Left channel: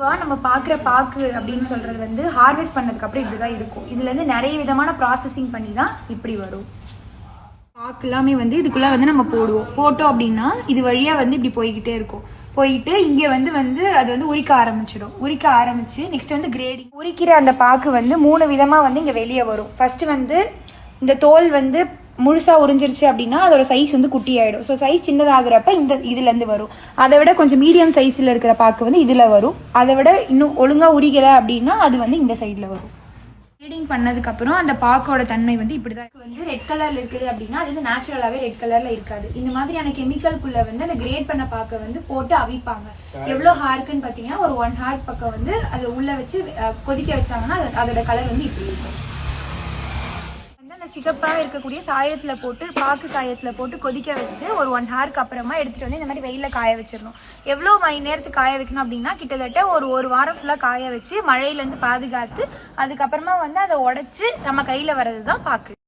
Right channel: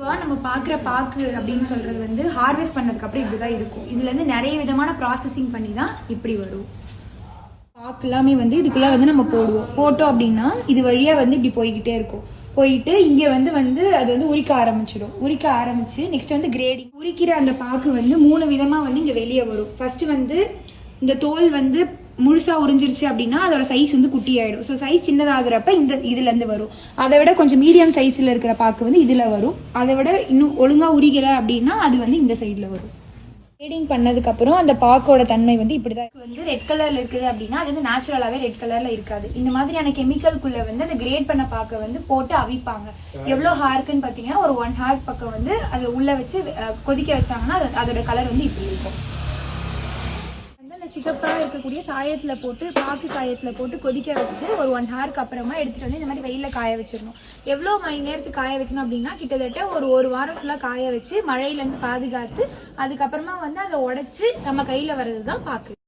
நம்ம பார்க்குற பாக்கு அப்படின்னு சொல்றது வந்து ஹார்வெஸ்ட் பண்ணதுக்கு அப்புறம் இப்படிதான் இருக்கும். இதுல இருந்து நிறைய விதமான ப்ராசஸிங் பண்ணி தான் இப்படி வரும். பாக்கு எல்லாமே வந்து இதுக்குள்ள வந்து நம்ம போட்டோம் அப்படின்னா இது வழியா வந்து இப்படி போய்கிட்டே இருக்கும். போயிட்டு இங்க வந்து அது வந்து உரிக்க ஆரம்பிச்சு நெக்ஸ்ட் வந்து கிரேடிங். உரிக்கிற அந்த பாக்கு வந்து 3 விதமா வந்து இங்க வெளியே வரும். ஃபர்ஸ்ட் வந்து இந்த தோல் வந்து முழுசா உறிஞ்சிருச்சு அப்படின்னா அதோட சைஸ் வந்து குட்டி ஆயிடும். ஸோ சைஸ் சின்னதாகிறப்ப இதுல இருந்து வரும். அதை விட கொஞ்சம் மீடியம் சைஸ்ல இருக்கிற பாக்கு வந்து இதுல வரும். அதை விட இன்னும் ஒழுங்கா உரிக்கல அப்படின்னா அது வந்து இந்த சைட்ல வரும். கிரேடிங் பண்ணதுக்கு அப்புறம் அந்த பாக்கோட தன்மை வந்து இப்படிதான் வந்து ரெட் கலர்ல இருக்குது அப்படின்னா அது வந்து நேச்சுரலாவே ரெட் கலர்ல இருக்காது. இந்த மாதிரியான கெமிக்கல்குள்ள வந்து அந்த கிரேட் பண்ண பாக்க வந்து போட்டு அவிப்பாங்க. எவ்வளவு ஹார்க்குன்னு பாத்தீங்கன்னா ஒரு 1 ஹார் பக்கம் வந்து அதை உள்ள வச்சு கொதிக்க வச்சாங்கன்னா அதோட கலர் வந்து இப்படி இருக்கும். சிகப்பாக இருக்கக்கூடிய சாயத்துல போட்டு பாக்கு சாயத்துல போட்டு கொதிக்க வச்சு ஒரு 1 ஹாருக்கு அப்புறமா எடுத்துட்டு வந்து இந்த மாதிரி வெயில காய வச்சிடணும். எவ்வளவு மணி நேரத்துக்கு காய வைக்கணும் அப்படின்னா கிட்டத்தட்ட ஒரு வாரம் ஃபுல்லா காய வச்சு மழையில இருந்து பாதுகாத்து அதுக்கப்புறமா வந்து அதை உடைச்சு நம்ம கையில வர்றதுதான் பாக்கு.